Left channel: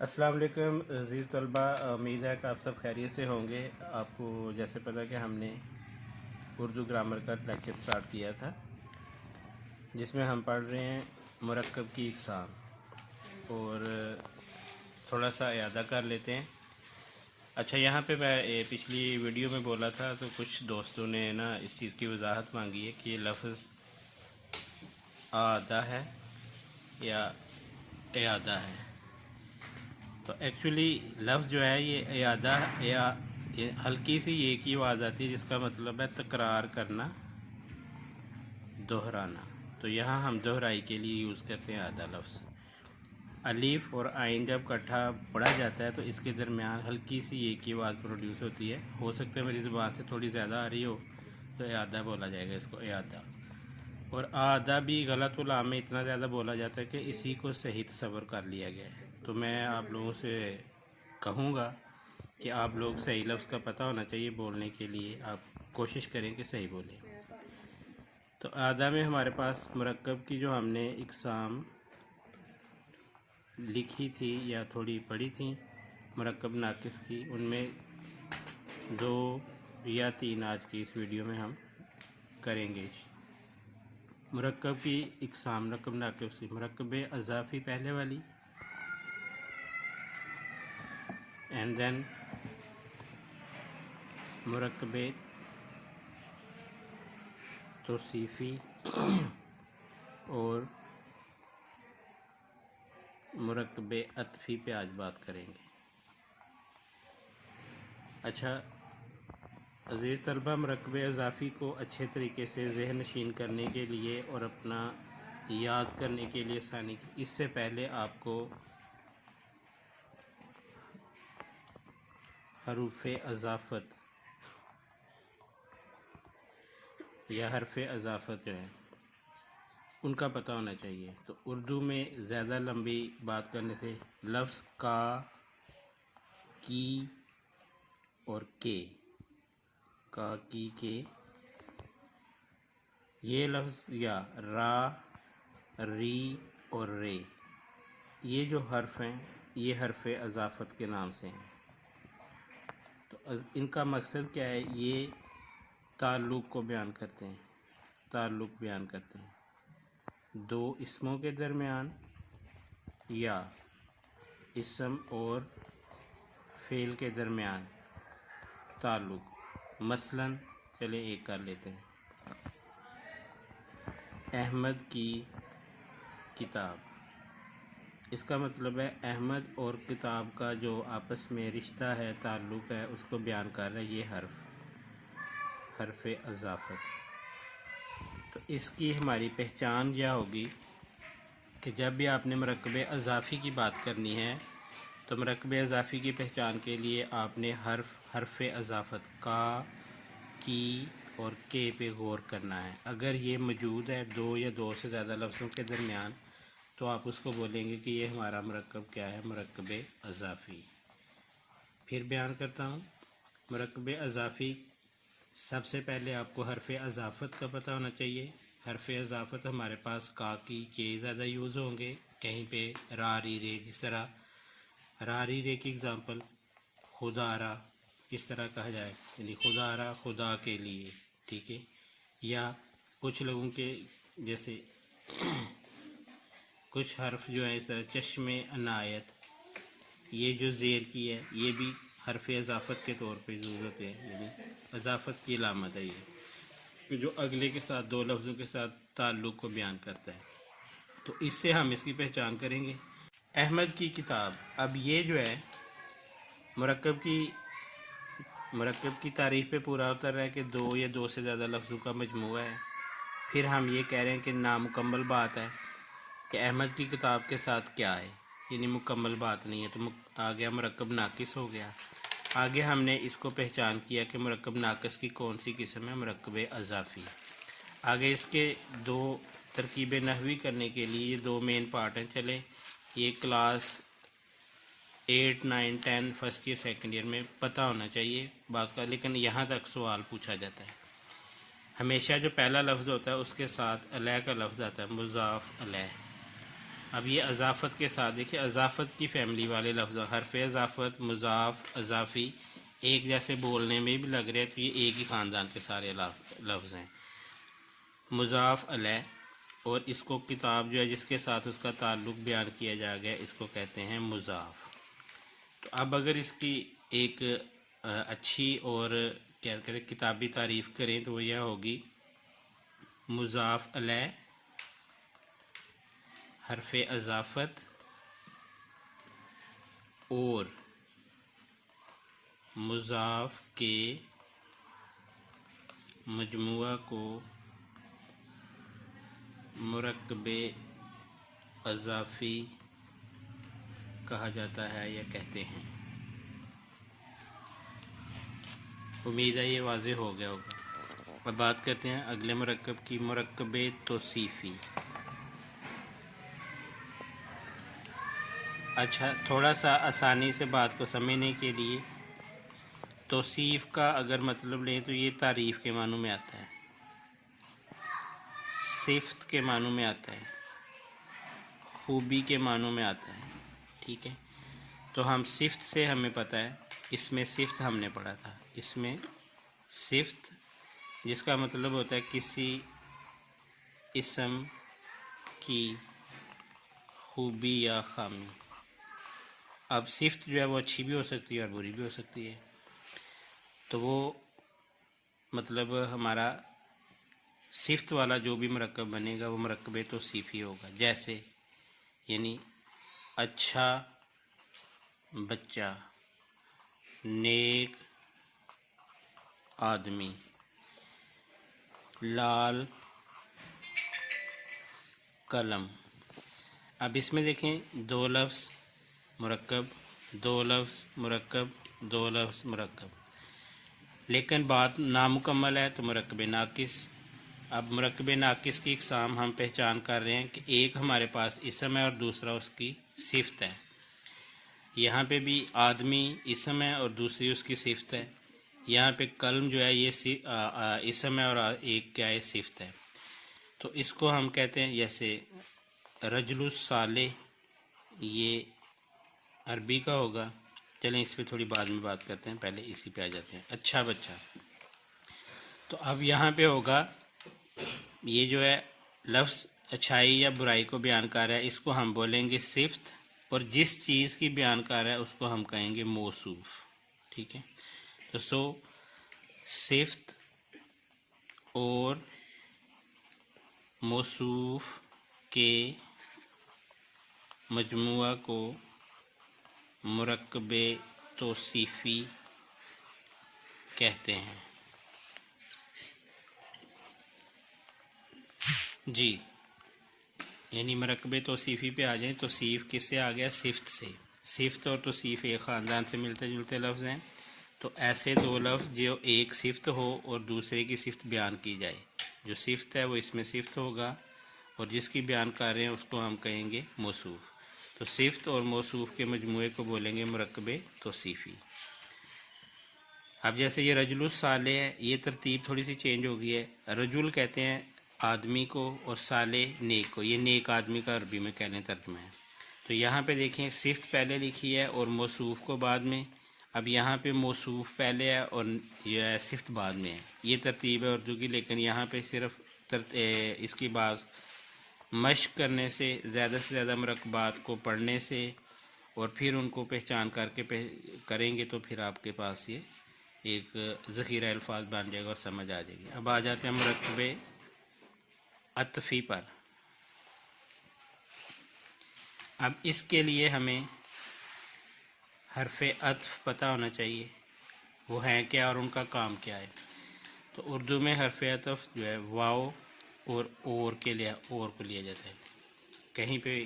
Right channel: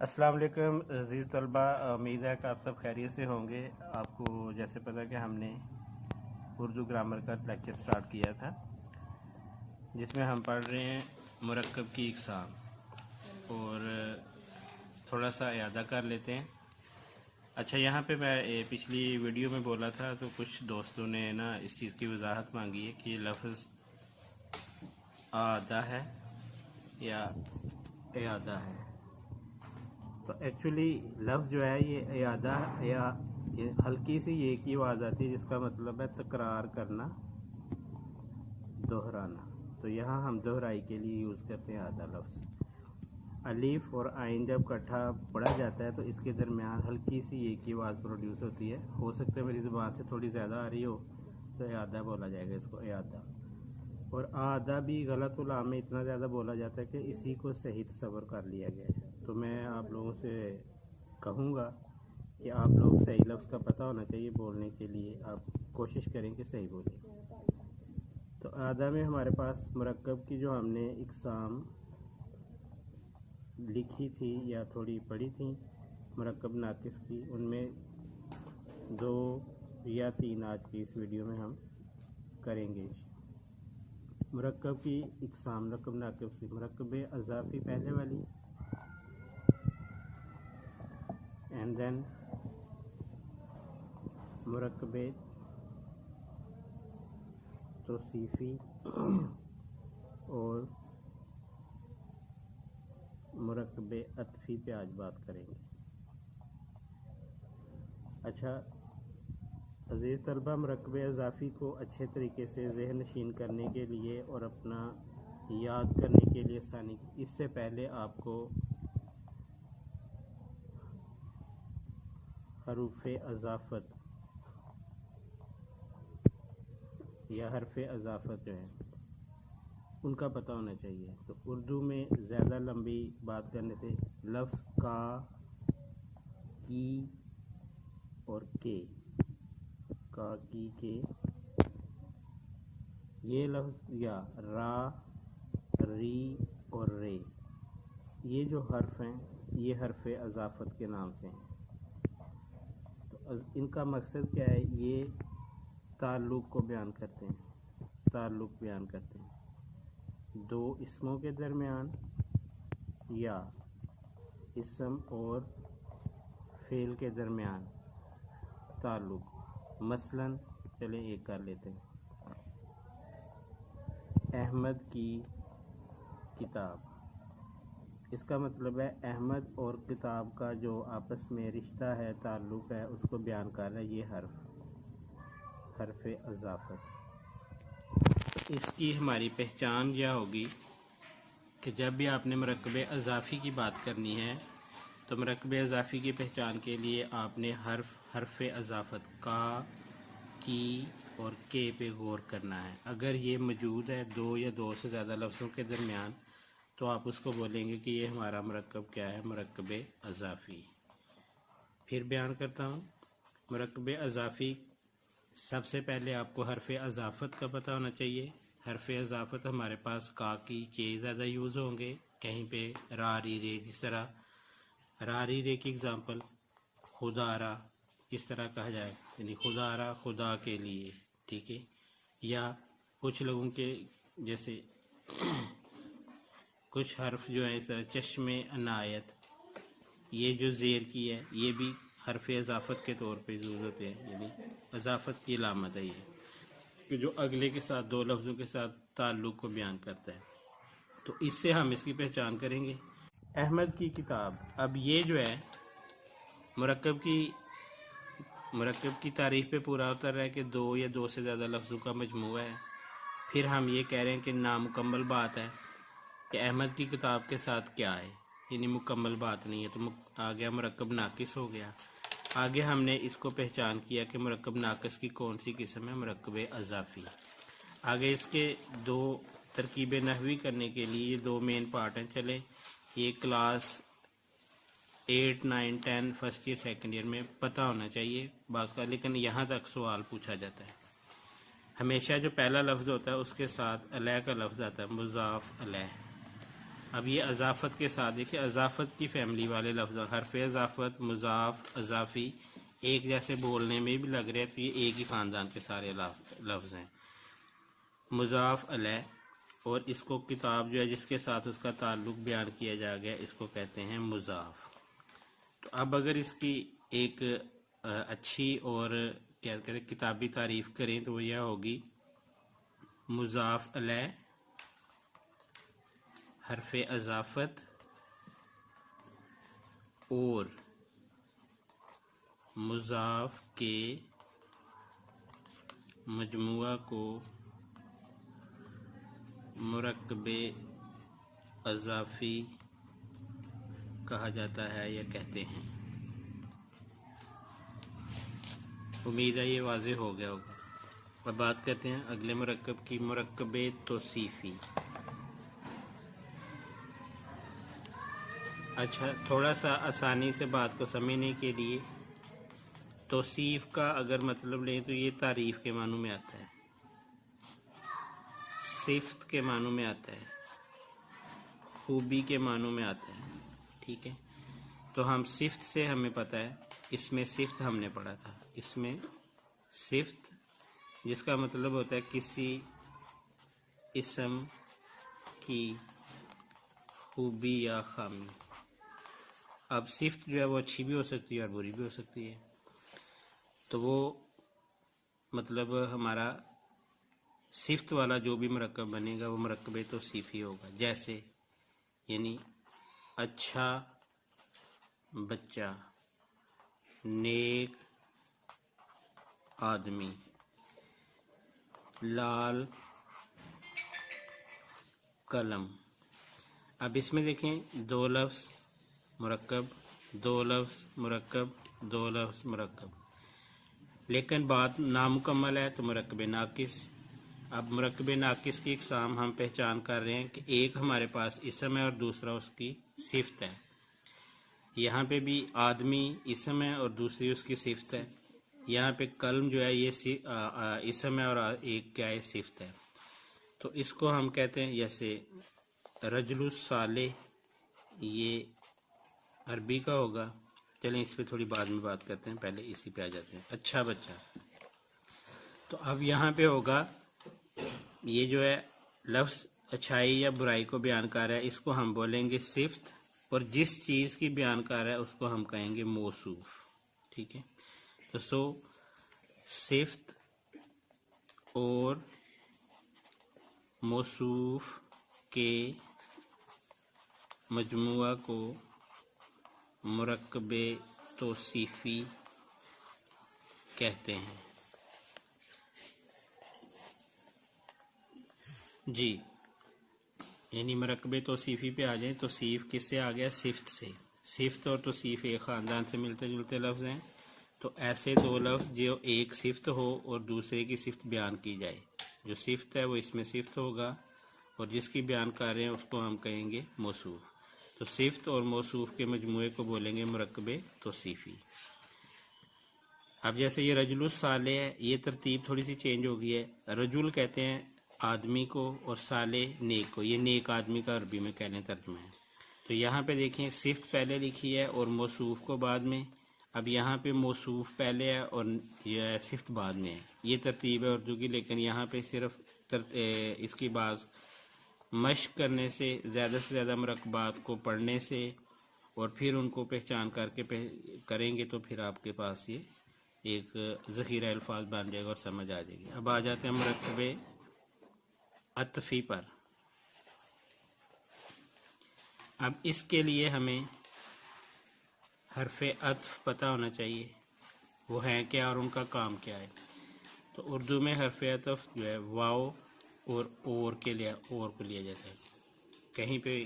अस्सलाम वालेकुम अज़ीज़ तलबा, उम्मीद है कि आप सब खैरियत से होंगे। आपको जैसे पता कि हमने उर्दू ग्रामर का लेक्चर स्टार्ट किया था जिसमें हम पढ़ रहे हैं मुरक्कब की इक़साम और थोड़ा सा इयादा कर लेते हैं। अच्छा, यहाँ पे मैं पिछली वीडियो में बोला था तो कुछ दोस्तों ने ना इस चीज़ की वजाहत मांगी है कि ये लफ्ज़ आदा है या इयादा है। तो एक्चुअली लफ्ज़ जो है ये इयादा या ये हल्की सी एक ही आवाज़ आती है जिसका मतलब है तकरार करना, दोहराना। तो यहाँ हम दोहराई के लिए यूज़ करते हैं आदा लफ्ज़। अलीफ और आइन जब इकट्ठा पढ़ा जाता है तो इसके दरमियान हल्की सी एक ही आवाज़ प्रोड्यूस होती है। हो सकता है मेरी ज़ुबान से थोड़ी ज़्यादा आ रही हो तो इयादा बोला जाएगा इसको, इयादा। और आदा भी गलत उलाम में इतना ज़्यादा बोला जाता है कि इसी को सही तस्वर कर लिया गया है। तो मैं आप लोगों से कहूँगा कि आप लोग सही लफ्ज़ का पता होना चाहिए बोलने के लिए, आप कोशिश करें कि सही बोलें। तो आदा में हमारे पास मुरक्कब की जो हमने इक़साम लिखी थी या थोड़ी पढ़ी थी मुरक्कब नाकिस की, उनमें 2 या 3 आज की इस वीडियो में हम करेंगे। मुरक्कब की इक़साम मुरक्कब नाकिस की, मुरक्कब अज़ाफ़ी पहले वाली, एंड देन मुरक्कब तौसीफ़ी और मुरक्कब अत्फ़ी पे आज बात करेंगे। अच्छा अज़ीज़ तलबा, मुरक्कब अज़ाफ़ी को अच्छे तरीके से ज़हन नशीन करने के लिए और अपना याद करने के लिए आसानी, इससे पहले आपको हरूफ़ अज़ाफ़त या हरफ़ अज़ाफ़त जो है उनका पता होना चाहिए। तो उर्दू में ज़्यादा लंबी बात करने से लफ्ज़ का, की और के, का, की, के, ये लफ्ज़ या रा, री और रे, ये जो हर्फ हैं ये हरफ़ अज़ाफ़त के नाम से हैं। तो इनका मकसद क्या है? ये ताल्लुक़ को बयान करते हैं, ताल्लुक़ बयान करते हैं दो इसमों के दरमियान या इसम और फ़ेल के दरमियान ताल्लुक़। मसलन चलिए एक कर लेते हैं, अहमद की किताब। इसका मतलब है अहमद और किताब का जो आपस में रिश्ता है, ताल्लुक़ है, उसको बयान कर रहा है ये हरफ़ अज़ाफ़त। इसकी हमारी पहचान क्या होगी कि जब भी आपने मुरक्कब अज़ाफ़ी की बात करनी है तो मुरक्कब अज़ाफ़ी की पहचान के लिए आपने हरफ़ अज़ाफ़त का, की और के पे गौर करना है। अगर ये मौजूद है 2 या 2 से ज़्यादा लफ्ज़ों के दरमियान तो आप उसको बोलेंगे कि ये हमारा मुरक्कब क्या है, मुरक्कब अज़ाफ़ी। फिर बयान करता हूँ, मुरक्कब अज़ाफ़ी सबसे पहले आपको हरफ़ अज़ाफ़त का पता होना चाहिए। हरफ़ अज़ाफ़त हमारे पास का, की, के ज़्यादा यूज़ होंगे, कहीं पे रा, री, रे। जिस तरह रा, री, रे की एग्ज़ाम्पल खुदारा किस तरह कहा जाए, यानी खुदारा खुदा के लिए, ठीक है। या कुछ लोगों के जैसे कुछ हर्फ जो है इस तरह चश्मे अनायत, ये जो ज़ेर की है ये भी हरफ़ अज़ाफ़त के तौर पे यूज़ होते हैं, यानी अज़ाफ़त की अलामत है ये, कि जो अगले के साथ 2 लफ्ज़ों के साथ ताल्लुक़ को बयान करता है। तो इससे हम इसकी पहचान करेंगे। अहमद की किताब, अब ये जो है मुरक्कब की तारीफ़ पे पूरा उतर रहा है कि 2 या 2 से ज़्यादा लफ्ज़ों का मजमूआ है। फिर हम ये कह रहे हैं कि नामुकम्मल बात है कि अहमद की किताब के साथ क्या है, यानी मुकम्मल बात नहीं है। तो आ गया मुरक्कब नाकिस हो गया। आगे हमने इसको पहचान किया कि मुरक्कब नाकिस की कौन सी किस्म है, मुरक्कब अज़ाफ़ी। आगे इसके 2 तरकीब नहवी करने के लिए 2 मेन पार्ट हैं। चले ये class 8, 9, 10 first year second year में पता होना चाहिए बात का, लेकिन यहाँ तक सवाल पूछा जाता है। हमेशा जो पहला लफ्ज़ होता है उसके साथ अलह का लफ्ज़ आता है, मुज़ाफ़ अलह। अब ये अज़ाफ़त के साथ देखिए, अज़ाफ़त की फैमिली वाले लफ्ज़, हरफ अज़ाफ़त, मुज़ाफ़, अज़ाफ़ी एक जैसे बोलने में भी लग रहे हैं, तो ये एक ही ख़ानदान के सारे लफ्ज़ हैं। मुज़ाफ़ अलैह, और इसको किताब जो है जिसके साथ उसका ताल्लुक़ बयान किया जा गया, इसको कहते हैं मुज़ाफ़। तो अब अगर इसकी एक अच्छी और क्या कहते हैं किताबी तारीफ़ करें तो वो यह होगी, मुज़ाफ़ अलैह, हरफ अज़ाफ़त और मुज़ाफ़ के मजमुआ को मुरक्कबे अज़ाफ़ी कहा जाता है या कहते हैं। उम्मीद है ये वाज़ेह हो गया होगा। अब बात करते हैं अगले मुरक्कब की, मुरक्कबे तौसीफ़ी। अच्छा, थोड़ा सा आसानी से बात को समझने के लिए, तौसीफ़ का अगर मतलब लें तो ये तारीफ़ के मानों में आता है, सिफ़त के मानों में आता है, खूबी के मानों में आता है। ठीक है, तो हम सिफ़त से हमें पता है, इसमें सिफ़त हमने पढ़ा था, इसमें सिफ़त जिसका मतलब होता है किसी इस्म की खूबी या खामी। अब सिफ़त जो है वो अच्छी भी हो सकती है और बुरी भी हो सकती है, तो वो मतलब हमारा सिफ़त वाला जो भी मुरक्कब बनेगा वो मुरक्कबे तौसीफ़ी होगा। जैसे यानी अच्छा बच्चा, नेक आदमी, लाल कलम। अब इसमें देखें, दो लफ्ज़ मुरक्कब, दो लफ्ज़ मुरक्कब, दो लफ्ज़ मुरक्कब, लेकिन बात नामुकम्मल है तो मुरक्कबे नाकिस। अब मुरक्कबे नाकिस की इक़साम हम पहचान कर रहे हैं कि एक हमारे पास इसम है और दूसरा उसकी सिफ़त है। यहाँ पे भी आदमी इसम है और दूसरी उसकी सिफ़त है। यहाँ पे कलम जो है ये इसम है और एक क्या है, सिफ़त है। तो इसको हम कहते हैं, जैसे रजुलुस साले ये अरबी का होगा। चलें इस पर थोड़ी बाद में बात करते हैं, पहले इसी पे आ जाते हैं। अच्छा बच्चा, तो अब यहाँ पे होगा, ये जो है लफ्ज़ अच्छाई या बुराई को बयान कर रहा है, इसको हम बोलेंगे सिफ़त, और जिस चीज़ की बयान कर रहा है उसको हम कहेंगे मौसूफ़। ठीक है, तो सिफ़त और मौसूफ़ के मजमुआ को मुरक्कबे तौसीफ़ी कहते हैं। जी, यानी मुरक्कबे तौसीफ़ी पे आ जाए, तौसीफ़ किससे आ गया, सिफ़त से। सिफ़त और तौसीफ़ एक ख़ानदान से मिलते जुलते लफ्ज़ हैं। तो ऐसे दो लफ्ज़ जो एक सिफ़त हो और दूसरे की सिफ़त बयान की जाए, जो सिफ़त है वो इसमें सिफ़त होगा और जिसकी बयान कर रहे हैं उसको हम कहेंगे मौसूफ़। तो सिफ़त और मौसूफ़ के मजमूए को बोलेंगे मुरक्कबे तौसीफ़ी। अब जैसे ये रजुलुस साले है, ये तरतीब थोड़ी सी चेंज हो गई है। रजुल कहते हैं आदमी को और साले नेक को, ये नेक आदमी का अरबी में कहने तर्जुमा है। तो यहाँ पे देखें, सिफ़त पहले लिखी है और मौसूफ़ को बाद में। अब यहाँ पे मौसूफ़ पहले है और यह सिफ़त बाद में है। ये तरतीब है उर्दू की, लेकिन यहाँ पे सिर्फ इसकी बात मश्क करने से, ज़्यादा से ज़्यादा मुरक्कबात को पढ़ने से और फिर उनको पहचान करके करेंगे तो फिर आपके पास ये एक ज़ख़ीरा अल्फाज बन जाएगा और समझ आ जाएगी। अब आ जाते हैं मुरक्कबे अत्फ़ी पर। अब इसके लिए हमें हरफ़े अत्फ़ पता होना चाहिए, वो है क्या और उनका काम क्या है। तो उर्दू में हरफ़े अत्फ़ जो है वाव और के लिए और को लिया जाता है। कहीं पे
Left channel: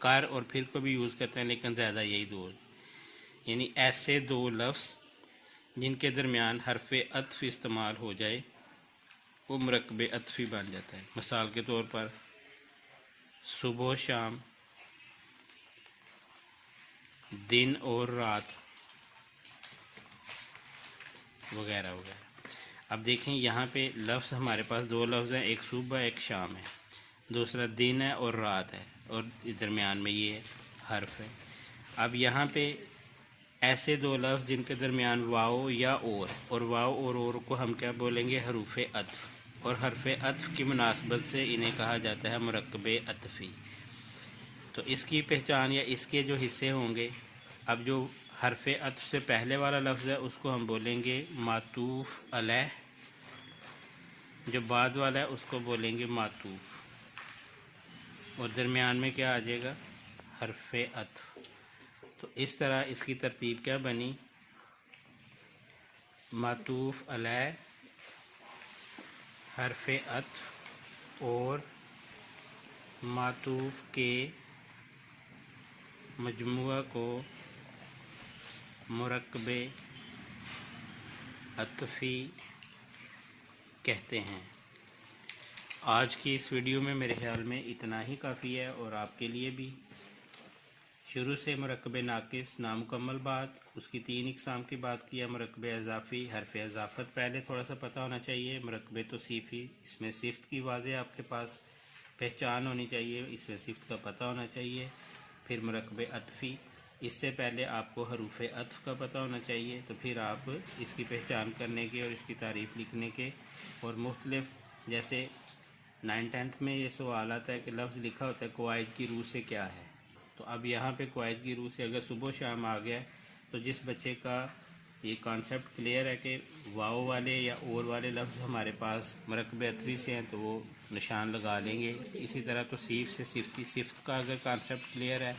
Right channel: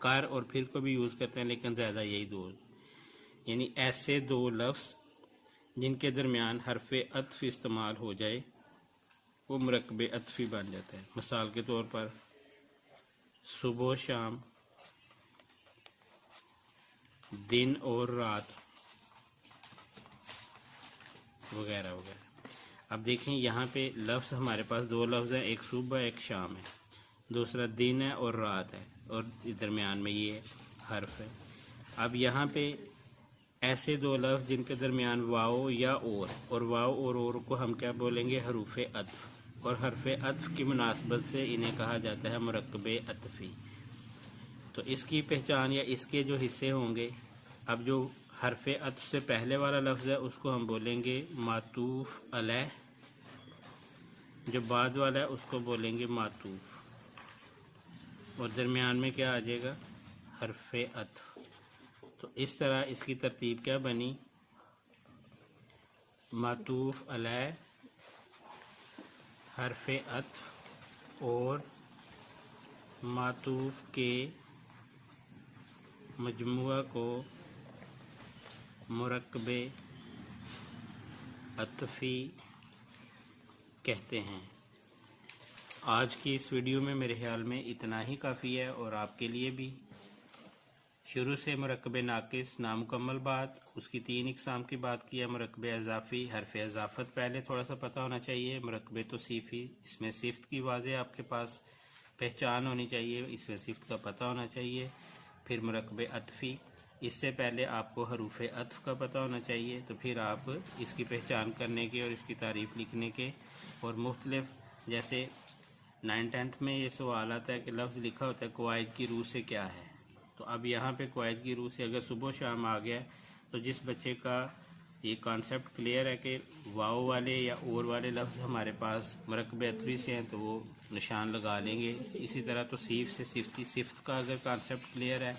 कर और फिर को भी यूज़ करते हैं, लेकिन ज़्यादा यही दो, यानी ऐसे दो लफ्ज़ जिनके दरमियान हरफ़े अत्फ़ इस्तेमाल हो जाए वो मुरक्कबे अत्फ़ी बन जाता है। मिसाल के तौर पर सुबह शाम, दिन और रात वगैरह वगैरह। अब देखें यहाँ पे लफ्ज़ हमारे पास दो लफ्ज़ हैं, एक सुबह एक शाम है, दूसरा दिन है और रात है। और दरमियान में ये हर्फ है। अब यहाँ पे ऐसे दो लफ्ज़ जिनके दरमियान वाव या और वाव और को हम क्या बोलेंगे, हरूफ अत्फ। और हर्फ अत्फ की मुनासबत से इन्हें कहा जाता है मुरक्कबे अत्फ़ी। तो इसकी पहचान या इसके जो हिस्से होंगे, अब जो हर्फ अत्फ से पहले वाला लफ्ज़ है उसको हम बोलेंगे मातूफ़ अलैह, जो बाद वाला है उसको बोलेंगे मातूफ़, और दरमियान में क्या आ जाएगा, हर्फ अत्फ। तो इस तरह इसकी तरतीब क्या बनी, मातूफ़ अलैह, हर्फ अत्फ और मातूफ़ के मजमुआ को मुरक्कबे अत्फ़ी कहते हैं। आज की इस वीडियो में मेरे ख्याल में इतना ही काफ़ी है, और आपके लिए भी शुरू से मुरक्कबे नाकिस नामुकम्मल बात, उसकी 3 इक़साम की बात की है। मुरक्कबे इज़ाफ़ी, हर्फ इज़ाफ़त पहले थोड़ा सा पता होना चाहिए। मुरक्कबे तौसीफ़ी, इसमें सिफ़्त की वाज़ेह आपके पास पहचान होनी चाहिए, इसमें सिफ़्त का पता होना चाहिए। फिर मुरक्कबे अत्फ़ी, इससे पहले आपको हरूफ अत्फ़ का पता होना चाहिए। तो फिर आप इसकी पहचान करने के और इसकी तारीफ़ लिखने के, और मुख्तलिफ़, जैसे 9th-10th में ये सवाल आता है कि लफ्ज़ लिखा होता है क़वाइद की रूह से क्या है। तो अब यहाँ पे क़वाइद की रूह से अगर सुबह शाम आ गया, तो जिस बच्चे का ये कॉन्सेप्ट क्लियर है कि वाव वाले या और वाले लफ्ज़ हमारे पास मुरक्कबे अत्फ़ी से हैं, तो वो निशान लगा लेंगे। इसी तरह तौसीफ़ से सिफ़्त की, सिफ़्त का अगर कॉन्सेप्ट क्लियर है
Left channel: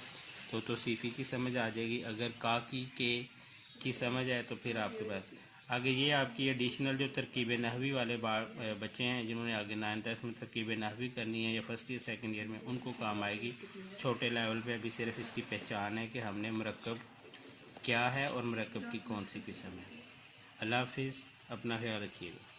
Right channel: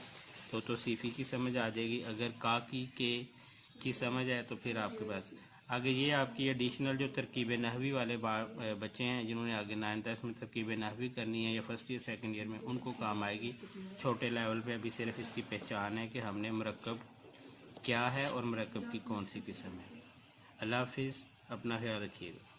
तो तौसीफ़ी की समझ आ जाएगी। अगर का की समझ है तो फिर आपके पास आगे ये आपकी एडिशनल जो तरकीब नहवी वाले बच्चे हैं, जिन्होंने आगे 9th-10th में तरकीब नहवी करनी है या फर्स्ट ईयर सेकंड ईयर में, उनको काम आएगी। छोटे लेवल पे अभी सिर्फ इसकी पहचान है कि हमने मुरक्कब क्या है और मुरक्कब की कौन सी किस्म है। अल्लाह हाफ़िज़, अपना ख्याल रखिएगा।